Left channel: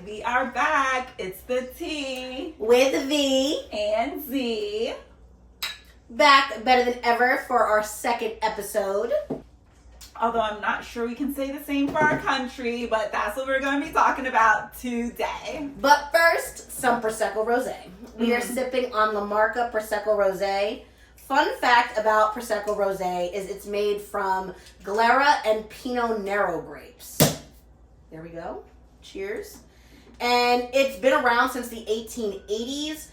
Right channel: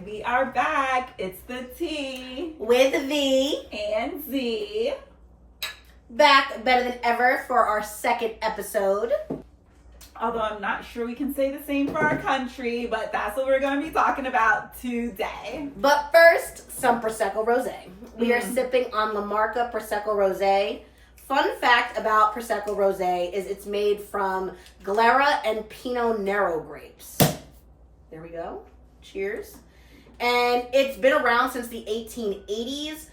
We are back. It's the T with V and Z. Back better than ever for our second episode. Although I'm not sure we can say the same for our country, but that's what we're going to be talking about today. But first, some Prosecco Rosé. We are sipping on La Marca Prosecco Rosé. Fun fact about Prosecco Rosé is it's made from Glera and Pinot Nero grapes. There we go. Cheers. And it's been around since the 1880s,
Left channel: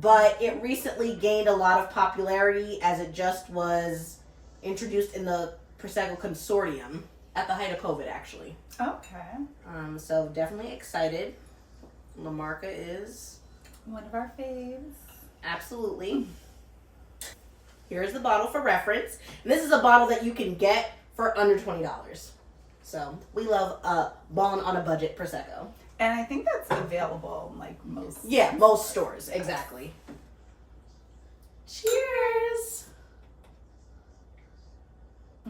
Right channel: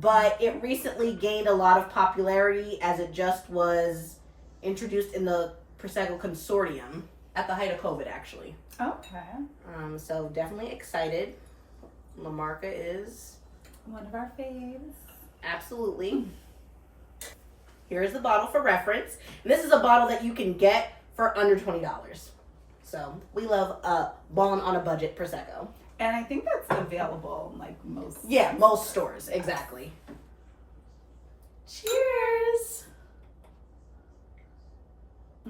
but it recently gained a lot of popularity as it just was introduced in the Prosecco Consortium at the height of COVID, actually. Okay. So definitely excited. La Marca is one of our faves. Absolutely. Here's the bottle for reference. And this is a bottle that you can get for under $20. So we love balling on a budget Prosecco. And I think that's available in like most. Yeah, most stores. Exactly. Cheers.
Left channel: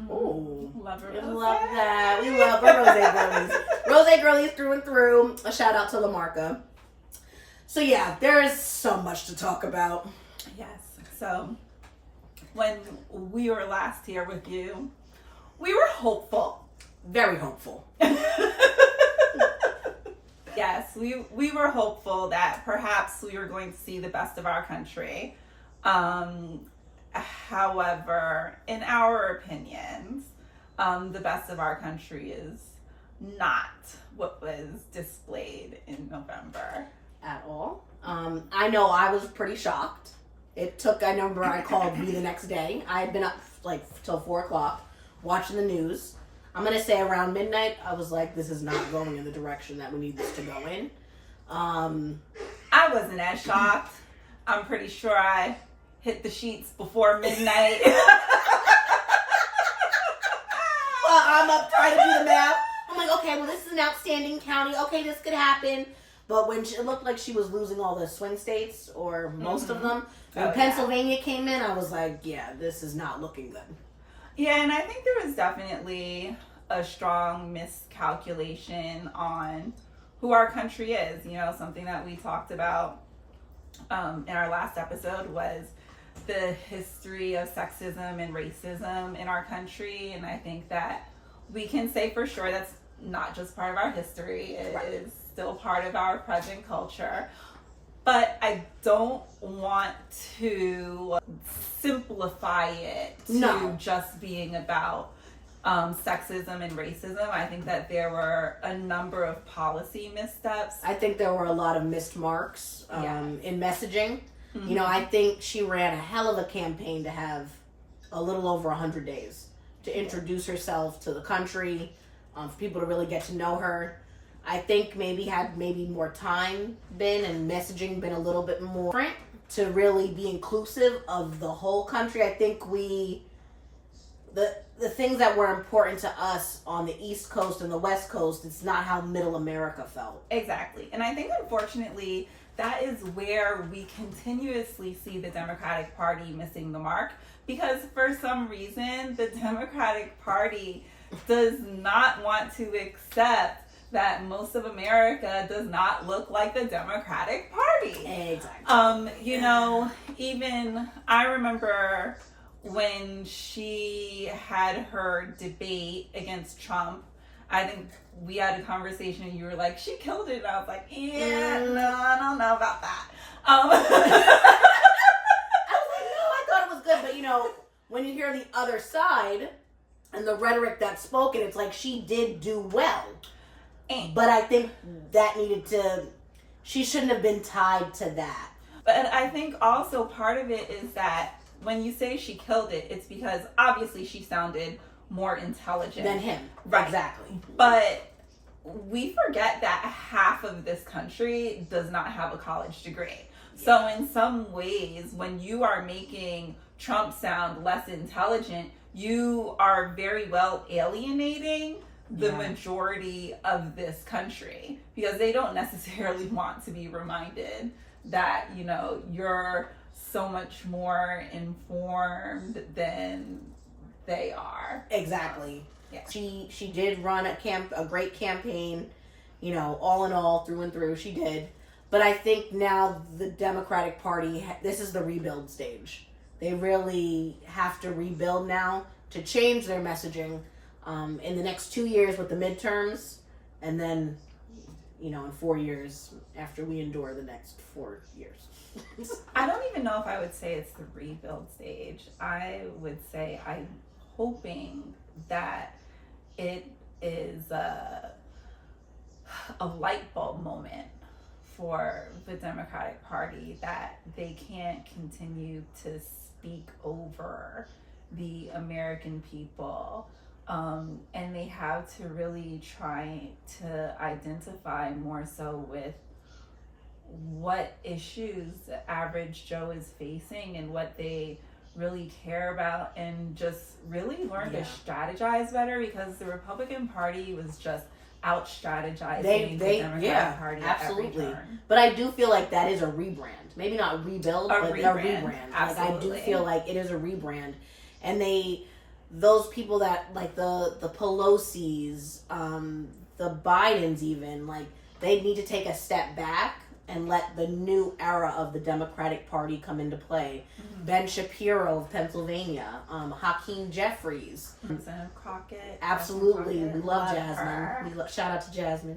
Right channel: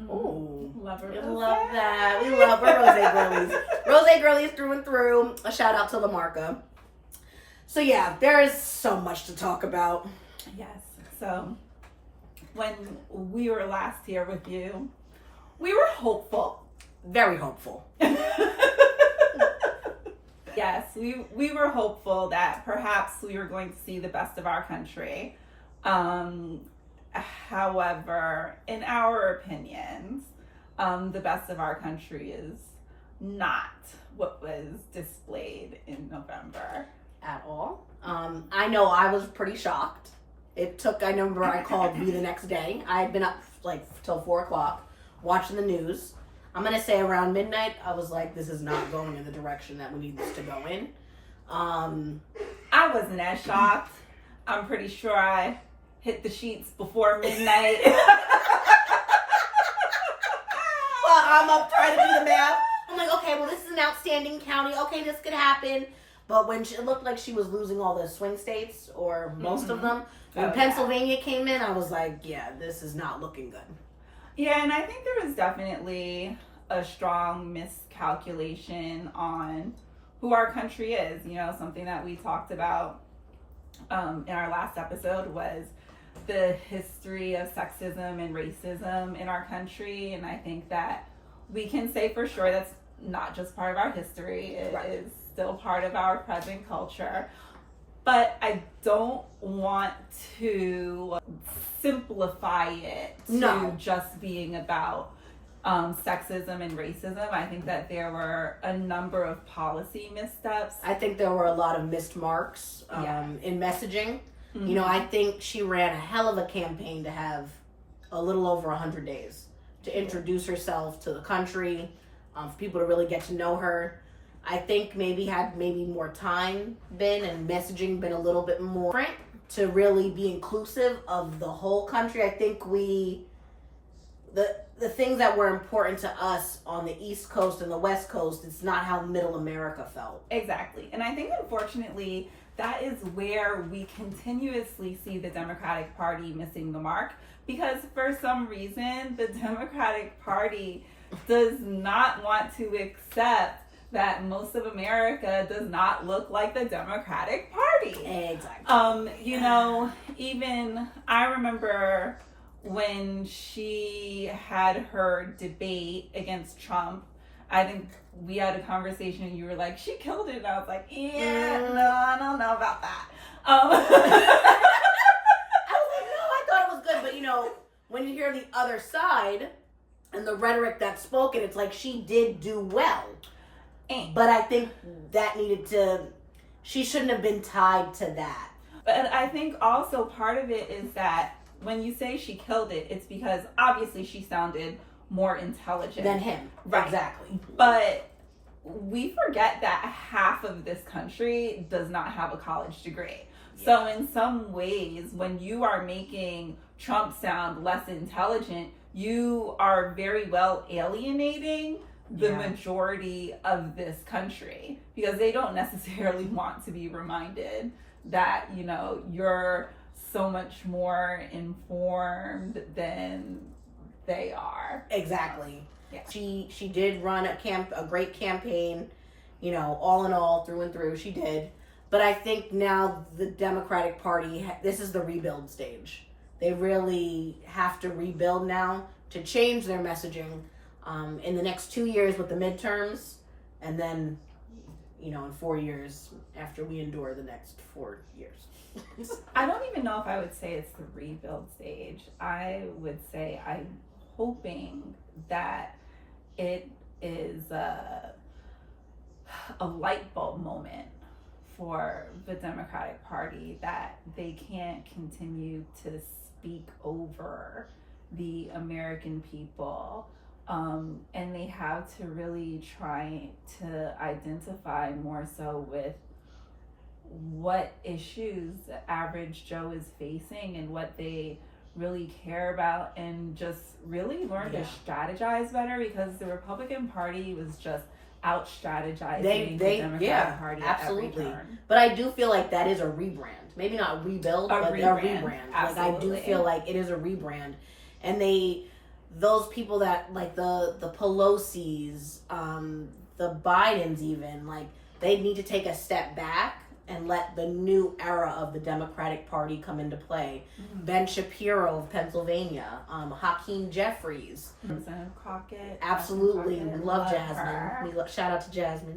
Ooh. Love her. We love that. We love our rosé girlies. Rosé girlies through and through. A shout out to La Marca. So yeah, there's so much to talk about. Yes. So when we were last here with you, we were hopeful. Very hopeful. Yes, we were hopeful that perhaps we were going to see the best of our country. However, in our opinions, the best of our country is not what was displayed in November. At all. I know I was pretty shocked. I remember I called V the next day. I had been up like till 4 o'clock watching the news. I'm going to say around midnight, I was like, this is not going in the direction that we need this to go in. I wasn't as shocked. I'm pretty sure I hit the sheets before midnight. Well, I'm up trying to do the math. I'm like, okay, well, this is an outstanding county. Okay, this could happen. But when it looked like she was losing all the swing states, or most of them, when Pennsylvania came in, I was like, yeah, this is not looking good. Yeah, and I think there was definitely a strong miscalculation on who our country is. You know, something that we talked about in our last episode was the history of sexism and racism in our country. And I think that we can say for sure that's not just part of our history. It is still part of our present culture. But I don't want to simplify it to just being about sexism and racism. I think that there were a number of policy missteps. I think there were a lot of missed marks in messaging. Mm-hmm. You know, I think she ran a hell of a campaign to have a little over 100 days to introduce herself to the country, for people to really get to know her. I think maybe more time been and messaging been a little bit more different to really be inclusive of the whole country. I think the things that were important to us on the East Coast and the West Coast, it's not how Middle America felt. Exactly. And I think unfortunately that is where we continuously see the Democratic Party missing the mark, because for some reason the Democratic Party does not want to accept that most of America does not look like the Democratic Party. Exactly. You know, even I remember when she had her debate against Trump, I think we had a conversation and you were like, she killed it. And I was like, yeah, no, I don't know about that. I was like, no, I thought it was good. But, you know, when you hear the other side and the rhetoric that's spoken, it's like she did do well. But I think that she shouldn't have been tied to that. But I think also part of it is that when you say she killed it, it's because obviously she sounded more intelligent than him. Right. Exactly. But we forget that half of this country does not have a college degree. Yeah. So in some ways, when you are making Trump sound less intelligent, you are very well alienating the majority of this country, because they don't necessarily want to be reminded that, you know, you're so much more informed than they are. Exactly. Yeah. She did run a great campaign, You know, all in all, through and through, she did. But I think now the Democratic Party, this is the rebuild stage. They really have to rebuild now to change their messaging in the next 2 years with the midterms, and then, you know, in 4 years after we endure the next 4 years. I don't even know if I would say it's the rebuild stage. I would say I'm hoping that it is a light bulb moment for the Democratic Party, that they can't continue to speak over the American people, and they have to really try to identify more so with what issues the average Joe is facing and what they really care about, and just really learn to strategize better, because the Republican Party was just out strategizing the Democratic Party absolutely. at every turn. But I do feel like that is a rebrand. Maybe not rebuild, but a rebrand. Like, I do feel like it is a rebrand. And those people that, like the Pelosi's, the Bidens even, like, they need to take a step back and let the new era of the Democratic Party come into play. Mm-hmm. Ben Shapiro of Pennsylvania, Hakeem Jeffries, Representative Crockett. Absolutely, we love Jasmine. Shout out to Jasmine.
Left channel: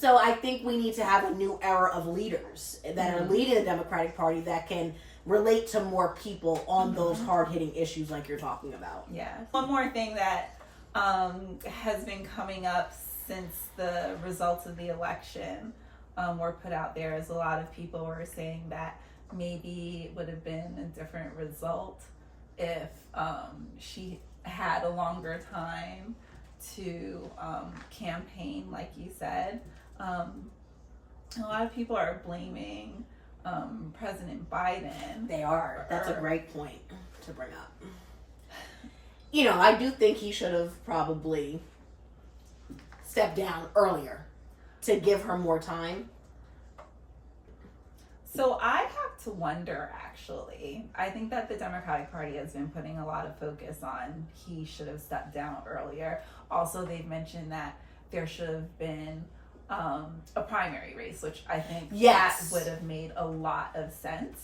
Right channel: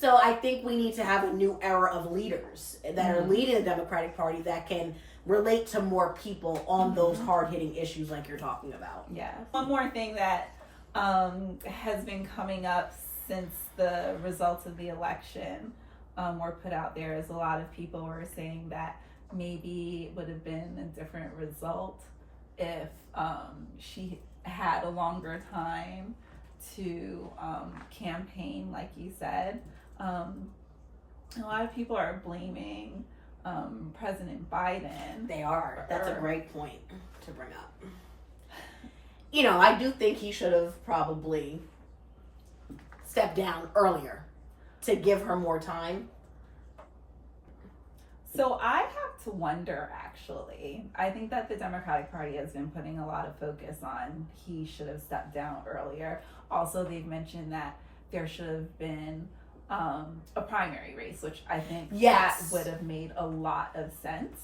So I think we need to have a new era of leaders that are leading the Democratic Party that can relate to more people on those hard-hitting issues like you're talking about. Yeah. One more thing that has been coming up since the results of the election were put out there, is a lot of people were saying that maybe it would have been a different result if she had a longer time to campaign, like you said. A lot of people are blaming President Biden. They are. That's a great point to bring up. You know, I do think he should have probably stepped down earlier to give her more time. So I have to wonder, actually. I think that the Democratic Party has been putting a lot of focus on he should have stepped down earlier. Also, they've mentioned that there should have been a primary race, which I think that would have made a lot of sense.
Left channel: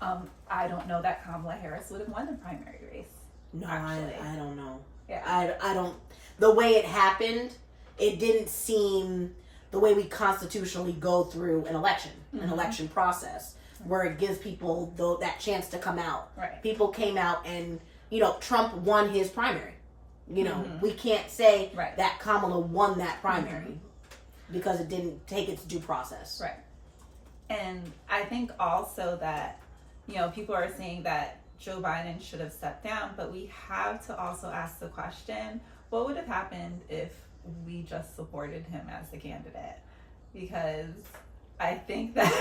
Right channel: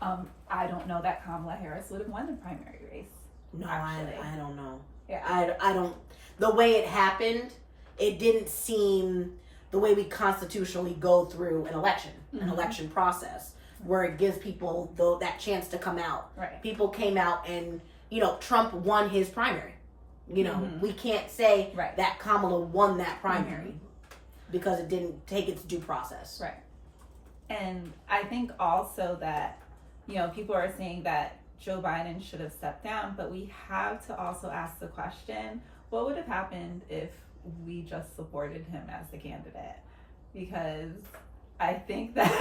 I don't know that Kamala Harris would have won the primary race. No, I don't know. Yeah. I don't. The way it happened, it didn't seem the way we constitutionally go through an election, an election process, where it gives people that chance to come out. Right. People came out and, you know, Trump won his primary. You know, we can't say that Kamala won that primary because it didn't take its due process. Right. And I think also that, you know, people are saying that Joe Biden should have stepped down, but we have to also ask the question, what would have happened if we just supported him as the candidate? Because I think that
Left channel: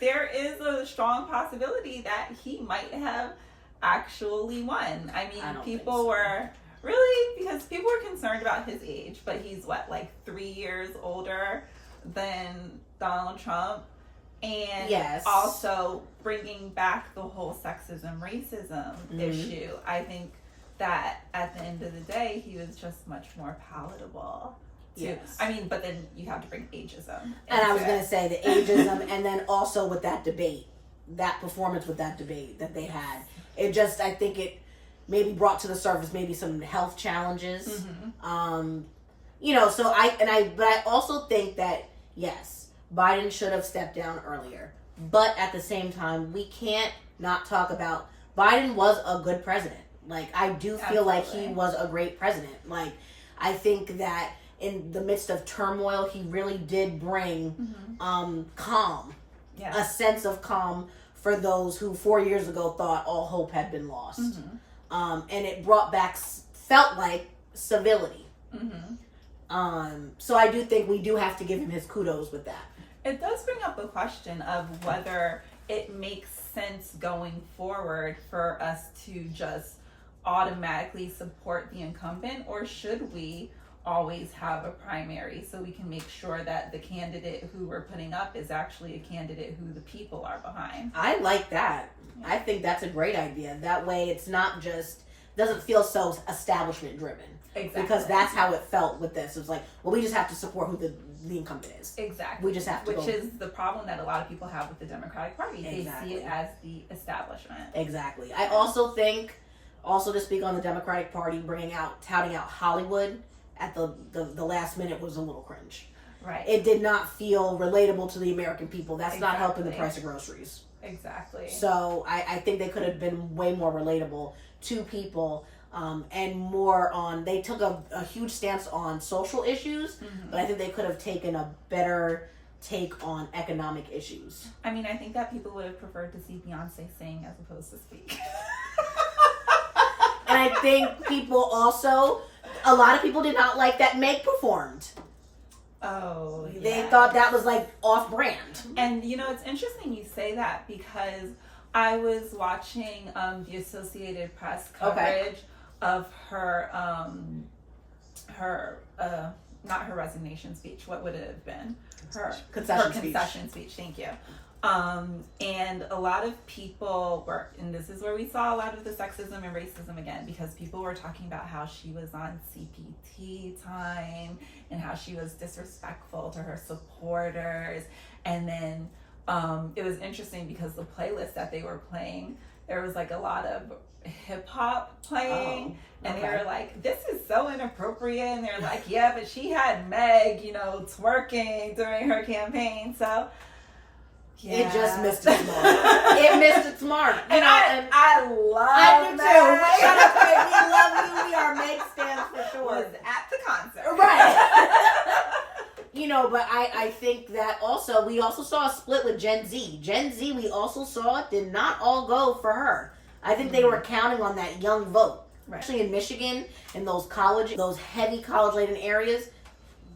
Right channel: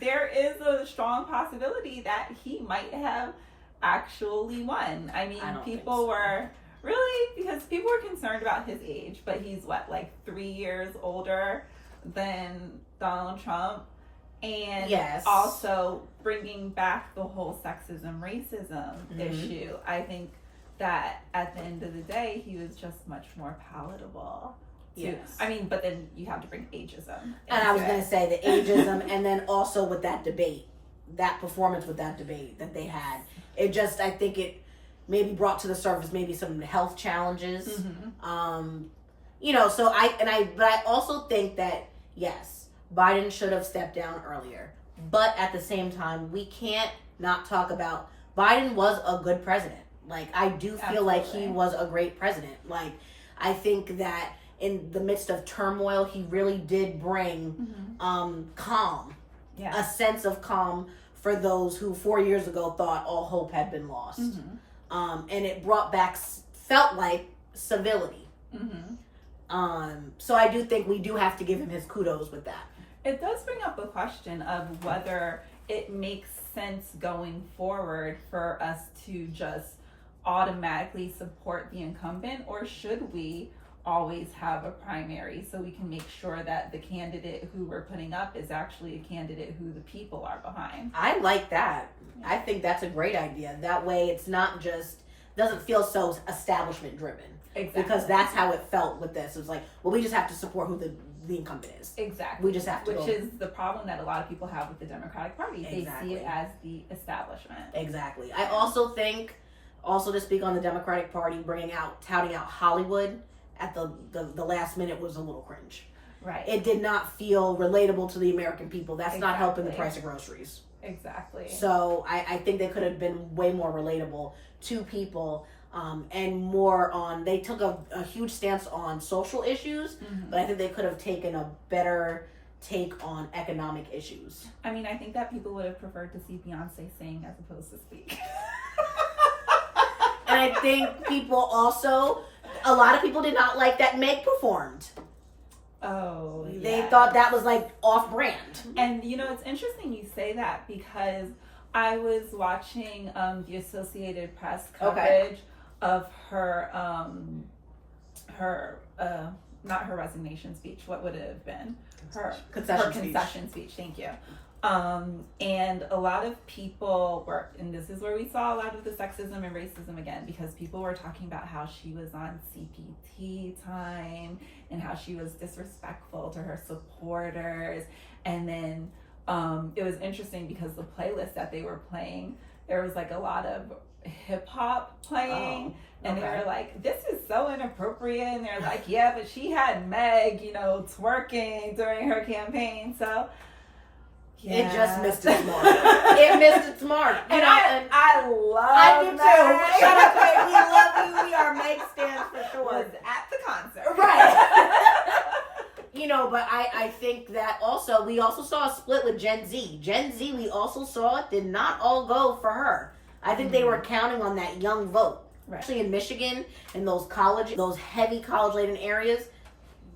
there is a strong possibility that he might have actually won. I mean, people were really, because people were concerned about his age, but he's like 3 years older than Donald Trump. And also bringing back the whole sexism, racism issue. I think that at the end of the day, he was just much more palatable. I mean, but then you have to bring ageism. And I was going to say the ageism, and then also with that debate, that performance with that debate that they had, it just, I think it maybe brought to the surface maybe some health challenges. You know, so but I also think that, yes, Biden should have stepped down earlier. But at the same time, we can't not talk about Biden was a good president. Like, I do feel like he was a great president. Like, I think that in the midst of turmoil, he really did bring calm, a sense of calm for those who 4 years ago thought all hope had been lost. And it brought back, felt like, civility. So I do think we do have to give him his kudos with that. It does bring up a question of whether it makes sense going forward for us to just automatically support the incumbent, or should we always have a primary so we can make sure that the candidate who we're putting up is actually a candidate who the people are behind? I like that. I think that's a great idea. That way it's not just doesn't feel so establishment driven. Exactly. Because that's how it felt with this. It was like, well, we just have to support who the incumbent is. Exactly. We just have to Which is the problem that a lot of people have with the Democratic Party. Exactly. They see it as the establishment. Exactly. I also think, to speak on the Democratic Party, touting out Hollywood at the last minute was a little cringe. Right. It did not feel relatable to the American people. That's not helping the price of groceries. Exactly. So I think they could have been way more relatable to people, and more on, they took a huge stance on social issues, but I think they could have taken a better take on economic issues. I mean, I think that people would have preferred to see Beyonce sing as opposed to speak. And I think people also, a lot of people did not like that Meg performed. Oh, yeah. They thought that was like off brand. And you know, it's interesting you say that because I was watching the Associated Press coverage of her not her resignation speech. What would it have been? Her concession speech. Thank you. And a lot of people were, and this is where we saw a lot of the sexism and racism again, because people were talking about how she was on CPT time and how she was disrespectful to her supporters. And then it was interesting because the playlist that they were playing, there was like a lot of hip hop playing. And they were like, this is so inappropriate. And they're like, yeah, but she had Meg, twerking during her campaign. So yeah. It just missed its mark. It missed its mark. I love I do too. Shut up, babe. We love you. We are Meg stands for sure. Was at the concert. Right. But I think that also, we also saw a split with Gen Z. Gen Z, we also saw, did not all go for her. I think they were counting on that young vote. Right. Actually, in Michigan, in those heavy college-laden areas,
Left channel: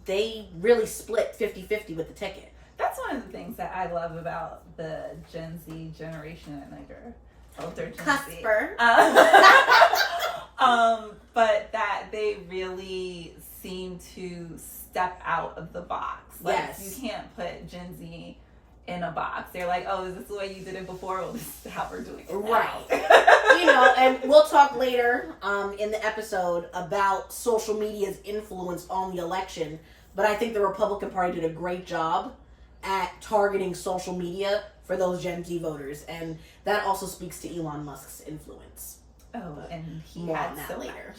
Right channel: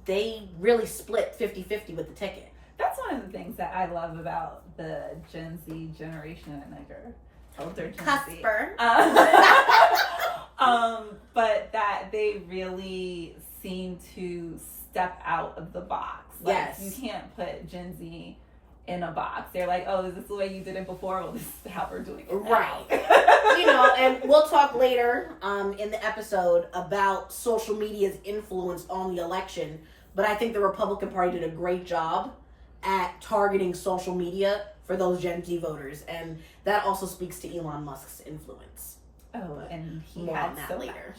they really split 50-50 with the ticket. That's one of the things that I love about the Gen Z generation, and older Gen Cusper. But that they really seem to step out of the box. Like, yes. You can't put Gen Z in a box. They're like, oh, is this the way you did it before? Well, this is how we're doing it now. Right. And we'll talk later in the episode about social media's influence on the election. But I think the Republican Party did a great job at targeting social media for those Gen Z voters. And that also speaks to Elon Musk's influence. Oh, and he more had on that so later.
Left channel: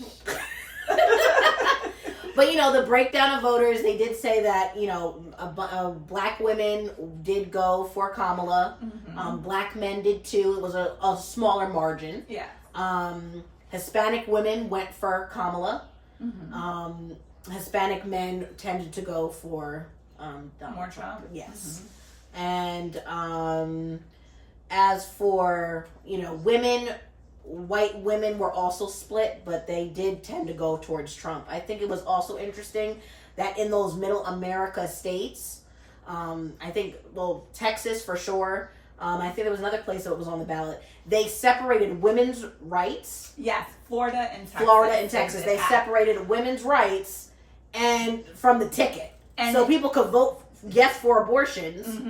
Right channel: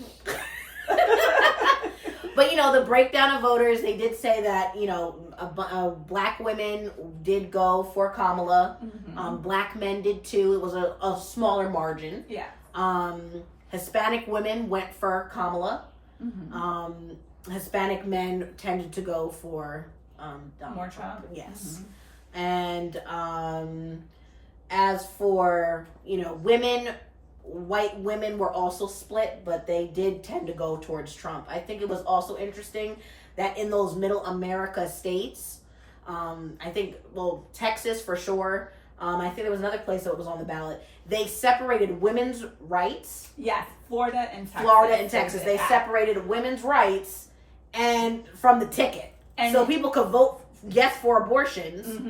But, the breakdown of voters, they did say that, black women did go for Kamala. Mm-hmm. Black men did too. It was a smaller margin. Yeah. Hispanic women went for Kamala. Mm-hmm. Hispanic men tended to go for Donald Trump. Yes. Mm-hmm. And as for, women, white women were also split, but they did tend to go towards Trump. I think it was also interesting that in those middle America states, I think, Texas for sure, I think there was another place that was on the ballot, they separated women's rights. Yes, Florida and Texas. They separated women's rights and from the ticket. And so people could vote yes for abortions,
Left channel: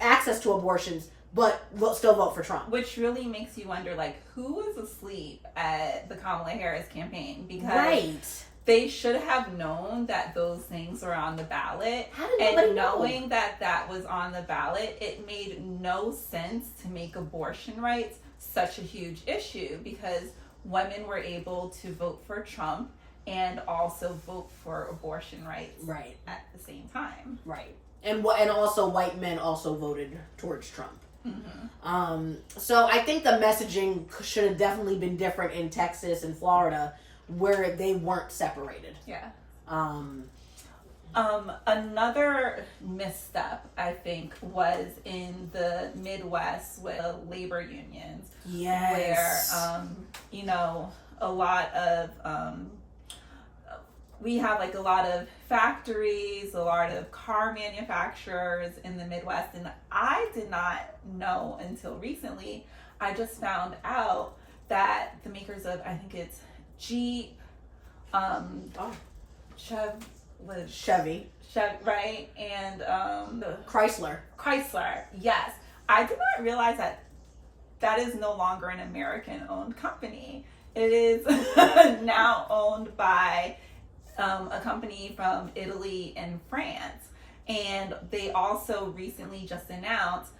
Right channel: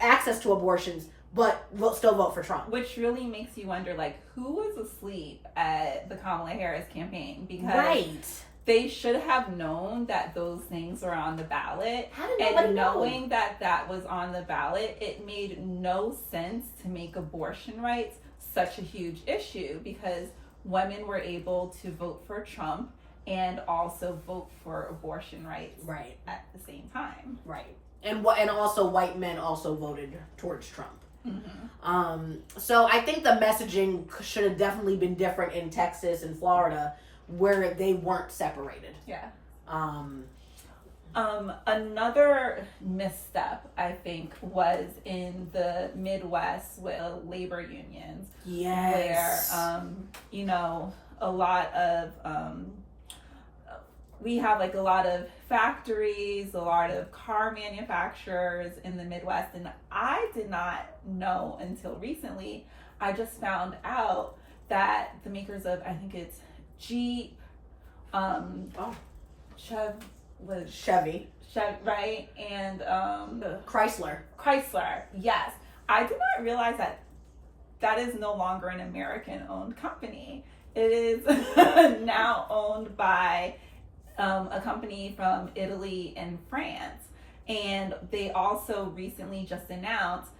access to abortions, but still vote for Trump. Which really makes you wonder, who was asleep at the Kamala Harris campaign? Because they should have known that those things were on the ballot. How did nobody know? Knowing that that was on the ballot, it made no sense to make abortion rights such a huge issue, because women were able to vote for Trump and also vote for abortion rights at the same time. Right. And also white men also voted towards Trump. Mm-hmm. So I think the messaging should have definitely been different in Texas and Florida, where they weren't separated. Yeah. Another misstep, I think, was in the Midwest with labor unions. Yes. Where, a lot of, we have a lot of factories, a lot of car manufacturers in the Midwest, and I did not know until recently. I just found out that the makers of, I think it's Chevy, right? And Chrysler, yes. I did not realize that is no longer an American-owned company. It is now owned by a company from Italy and France. And they also recently just announced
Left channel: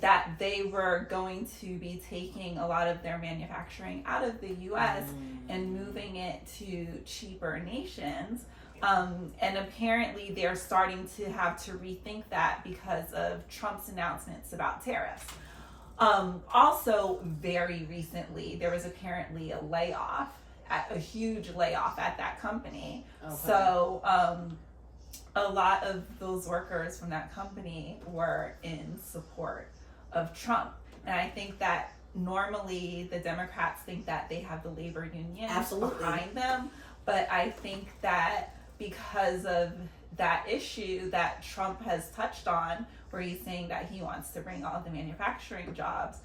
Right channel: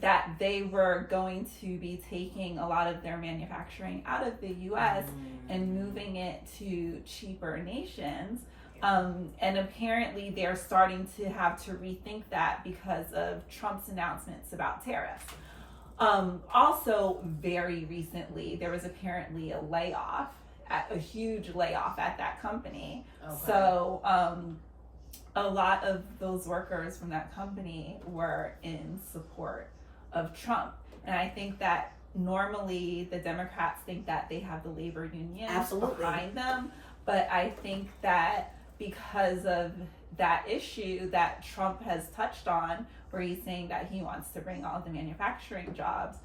that they were going to be taking a lot of their manufacturing out of the US and moving it to cheaper nations. And apparently they're starting to have to rethink that because of Trump's announcements about tariffs. Also, very recently, there was apparently a huge layoff at that company. Okay. So a lot of those workers from that company were in support of Trump. And I think that normally the Democrats think that they have the labor union behind them. But I think that because of that issue that Trump has touched on, where he's saying that he wants to bring all the manufacturing jobs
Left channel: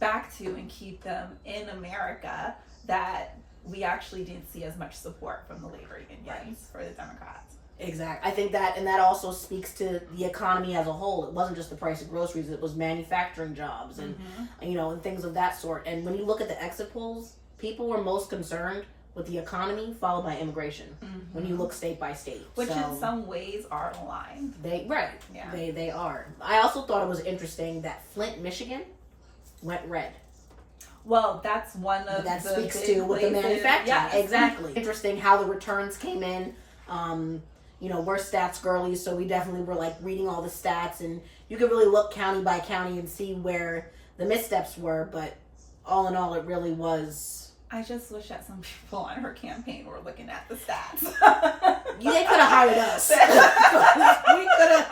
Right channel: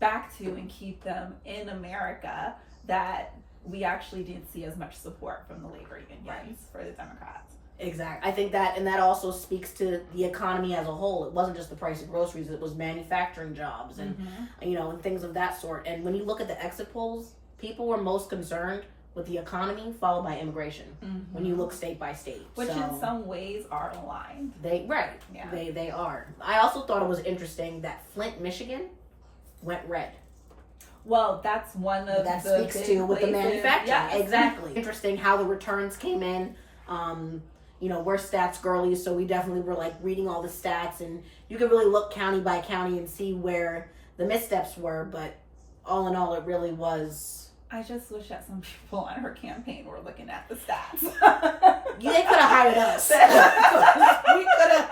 back to and keep them in America, that we actually didn't see as much support from the labor unions for the Democrats. Exactly. I think that, and that also speaks to the economy as a whole. It wasn't just the price of groceries, it was manufacturing jobs and, and things of that sort. And when you look at the exit polls, people were most concerned with the economy, followed by immigration. When you look state by state, which in some ways are aligned. They are. I also thought it was interesting that Flint, Michigan, went red. Well, that's one of that the speaks to with the manufacturing. Yes. Exactly. Interesting how the returns came in. We're stats girlies, so we definitely were like reading all the stats, and you could really look county by county and see where the missteps were. But all in all, it really was. I just wish that some people on her campaign were looking at the stats. They could have hired us. We could have.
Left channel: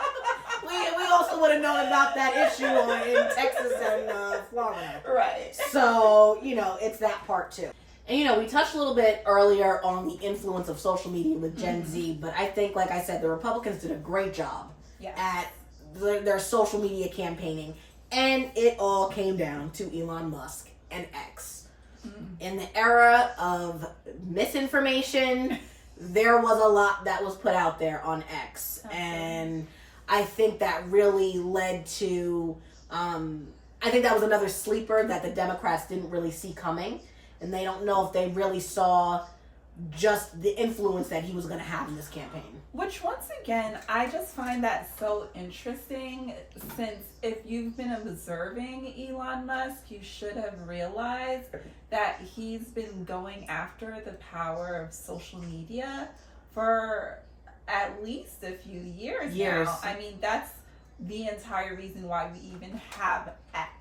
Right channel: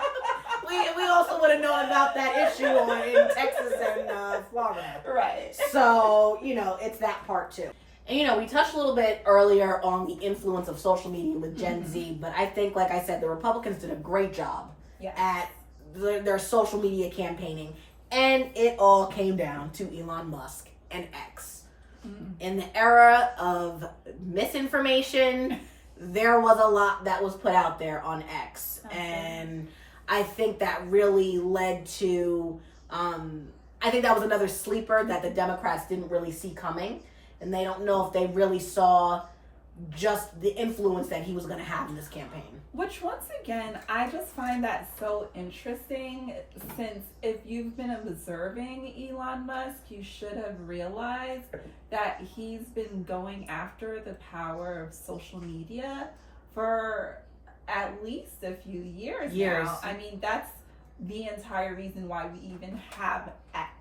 We also would have known about that issue in Texas and Florida. Right. So, it's that part too. And, we touched a little bit earlier on the influence of social media with Gen Z, but I think, like I said, the Republicans did a great job at their social media campaigning. And it all came down to Elon Musk and X. In the era of misinformation, there was a lot that was put out there on X. Okay. And I think that really led to, I think that was another sleeper that the Democrats didn't really see coming. And they don't know if they really saw just the influence that he was going to have in this campaign. Which, once again, I just find that so interesting, since if you've been observing Elon Musk, you should have realized that he's been going after the power of social media for at least a few years now. I mean, that's the entire reason why we even have X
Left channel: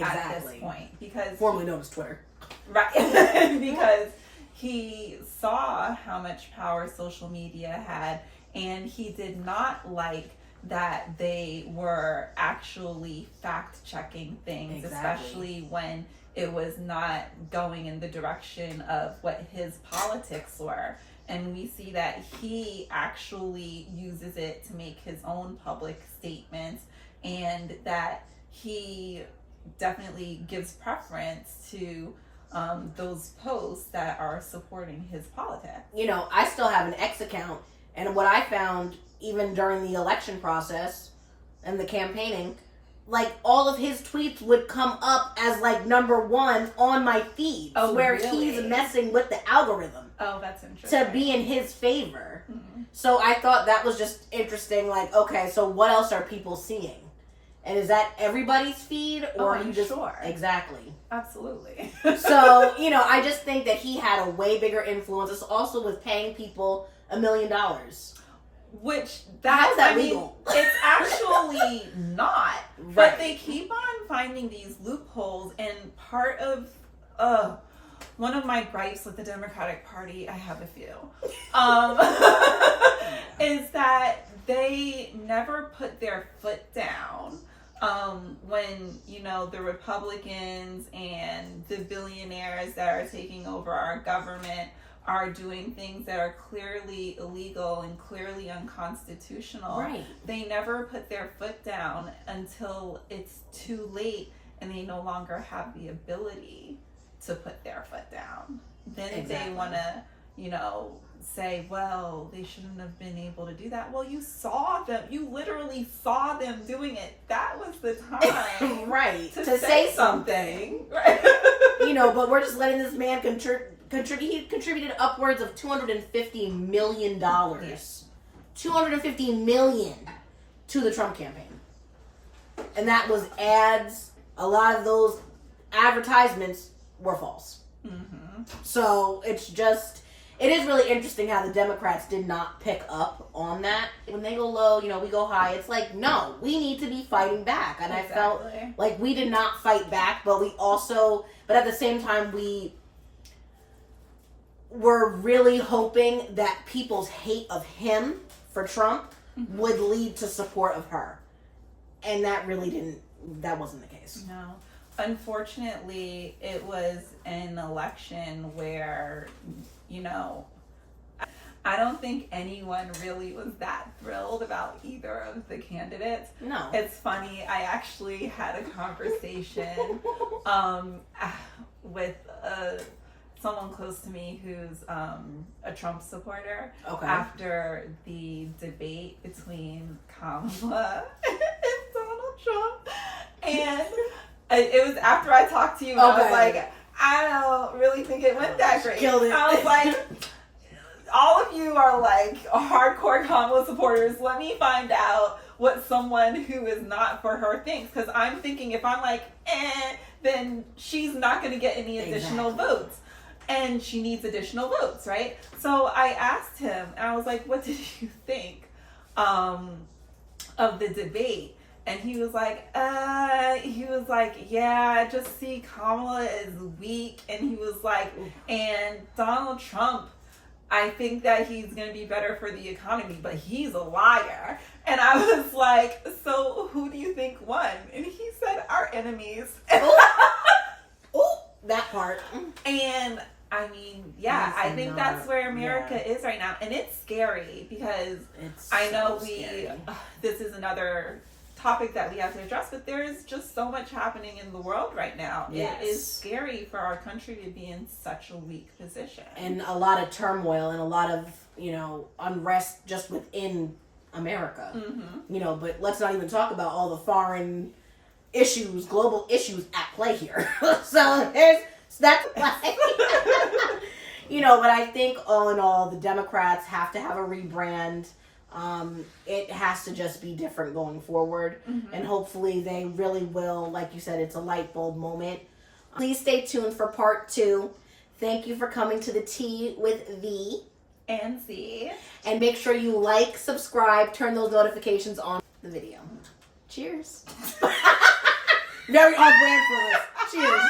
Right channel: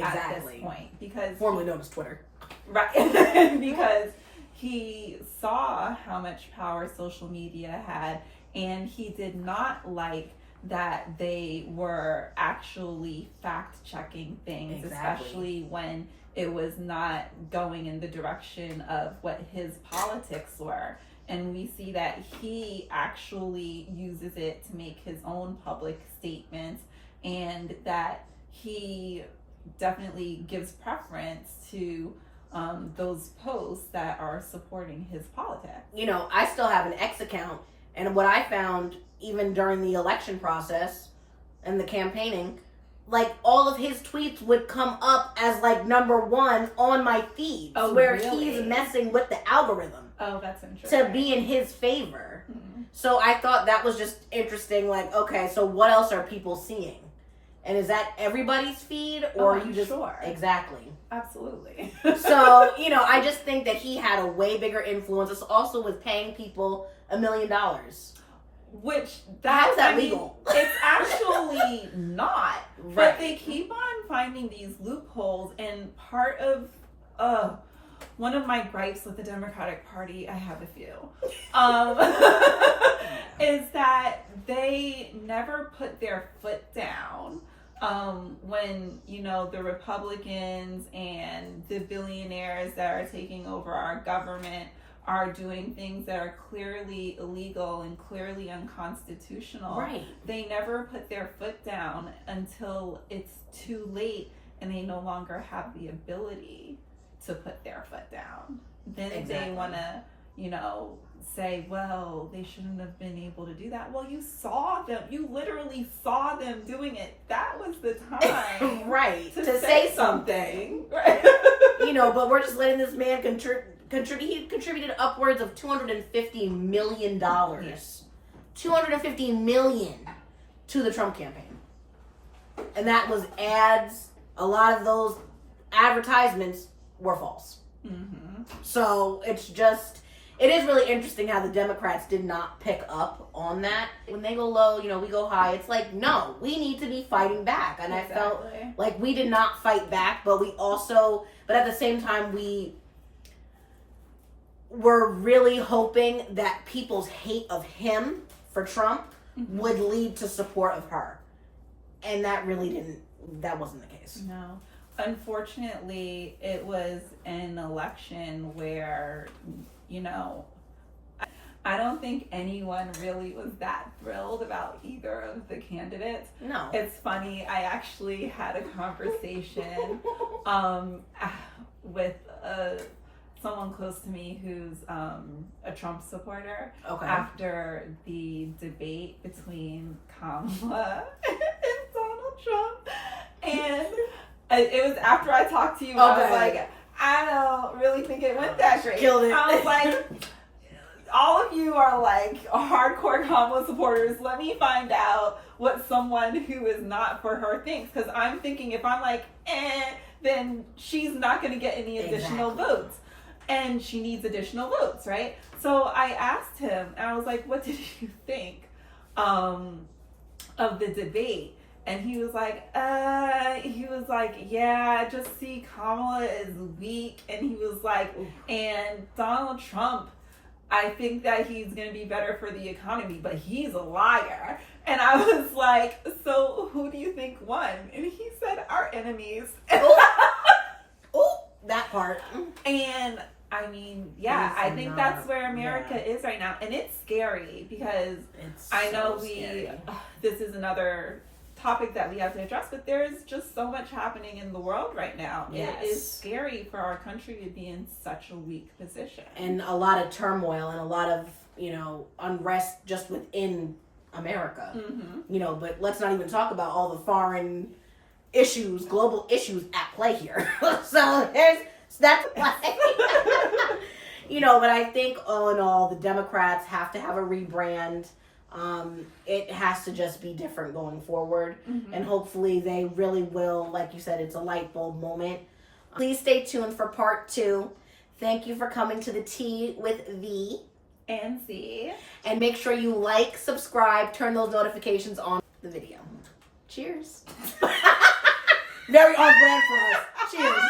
at this point. Because formerly known as Twitter. Right. Because he saw how much power social media had, and he did not like that they were actually fact-checking things, especially when it was not going in the direction of what his politics were. And we see that he actually uses it to make his own public statements, and that he definitely gives preference to those posts that are supporting his politics. I still have an X account, and what I found, even during the election process and the campaigning, like all of his tweets would come up as like number one on my feed, where he's messing with the algorithm. Oh, that's interesting. To be in his favor. So I thought that was just interesting. Like, okay, so what else are people seeing? And is that everybody's feed, or you just sure? Exactly. Absolutely. So, I just think that he had a way bigger influence. It's also with paying people $1 million. Which how's that legal? It's actually not. Right. But they keep on finding these loopholes, and part of one of my gripes with the Democratic Party, I have a few, is that they never put their foot down when, the Republicans and the billionaires that are taking over our government are doing things that are clearly illegal and clearly unconstitutional. Right. They never put their foot down until it's too late and they no longer have the ability to put their foot down. Then they want to, say, well, they shouldn't have been able to do that. Well, you saw them. You literally saw them doing it. That was the time right. to say something. Right. But we're just letting this man he contributed upwards of $250 million. Yes. $250 million to the Trump campaign. And that was ads. A lot of those advertisements were false. Mm-hmm. So it is really interesting how the Democrats did not pick up on that. When they go low, we go high. It's like, no, we need to be fighting back. And Exactly. I felt like we did not fight back, but at the same time, we were really hoping that people's hate of him for Trump Mm-hmm. would lead to support of her. And that wasn't the case. No. Unfortunately, it was an election where, I don't think anyone really was that thrilled about either of the candidates. No. It's funny, I actually had a conversation with someone close to me who's a Trump supporter Okay. after the debate between Kamala and Donald Trump. And it was after I talked to you, I was like, I don't really think it went that great. Killed it. I was like, all of you are like hardcore Kamala supporters. Let me find out what someone who is not for her thinks. Because I'm thinking if I'm like, then she's not going to get any additional votes. And she needs additional votes, right? So I asked him, and I was like, what did you think of the debate? And he was like, yeah, I just see Kamala is weak. And he was like, and Donald Trump, I think that he's going to be better for the economy, but he's a liar. And I was like, so who do you think won? And he said, our enemies. Oh, that part. And I mean, yeah, I think that's where America is right now. And it's scary because I know this is another topic that we have to address, but there's just so much happening in the world right now. Yes. It is scary for our country to be in such a weak position. And a lot of turmoil and a lot of, unrest just within America. Mm-hmm. But let's not even talk about all the foreign issues, global issues at play here. So that's why. But I think all in all, the Democrats have to have a rebrand. It has to just be different going forward. Mm-hmm. And hopefully they really will. Like you said, it's a light bulb moment. Please stay tuned for part 2. Thank you for coming to the Tea with V. And C. And make sure you like, subscribe, turn those notifications on the video. Cheers. Very on brand for us. Cheers.